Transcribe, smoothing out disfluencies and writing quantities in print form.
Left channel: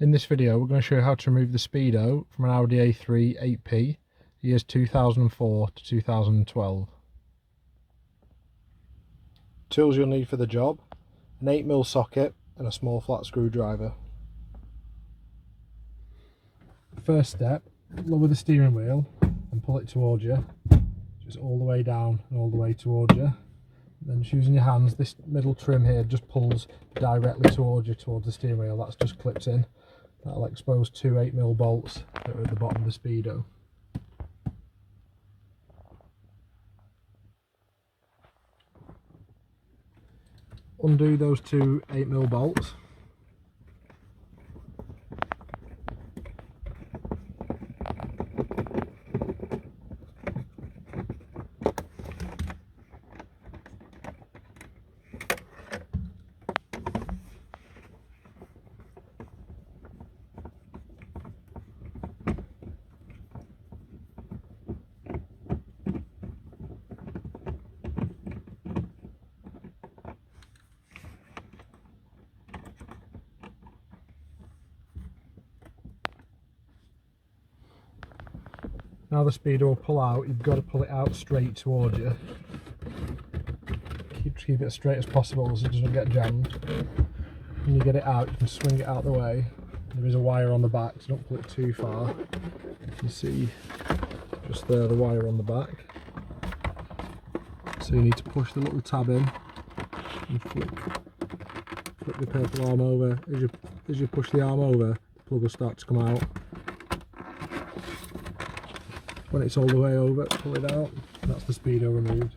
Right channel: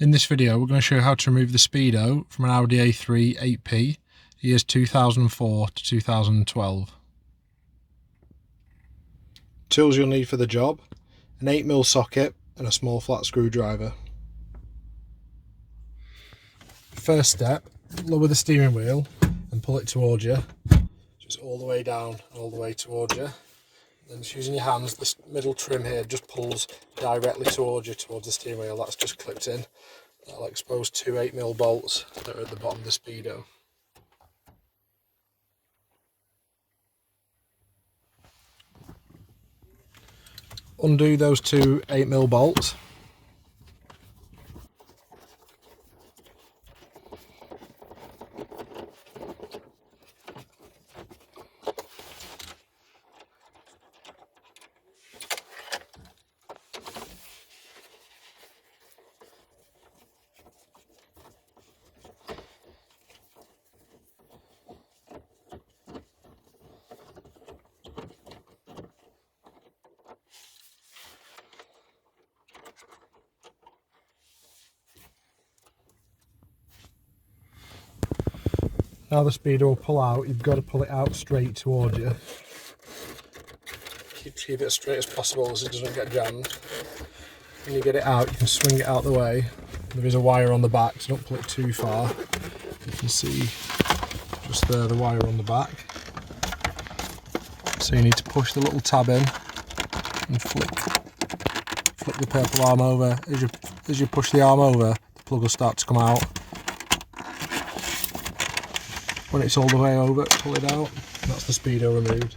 In this video we're going to show you how to remove the Speedo from an Audi A3 8P, years 2004 to 2012. Tools you'll need for the job: an 8mm socket and a small flat screwdriver. First step, lower the steering wheel and pull it towards you, just all the way down and all the way towards you. Then just using your hands, this middle trim here just pulls directly towards you, towards the steering wheel. That's just clipped in. That'll expose two 8mm bolts that are at the bottom of the Speedo. Undo those two 8mm bolts. Now the Speedo will pull out. You've got to pull it out straight towards you. Keep it as straight as possible so it doesn't get jammed. When you get it out, you can swing it out the way. There is a wire on the back, so don't pull it too far. You can see just there the wire on the back. So you need to push the little tab in and flick the purple arm over. As you push the arm over, the plug will start to come out. When it's all the way over, pull it out. That's the Speedo removed.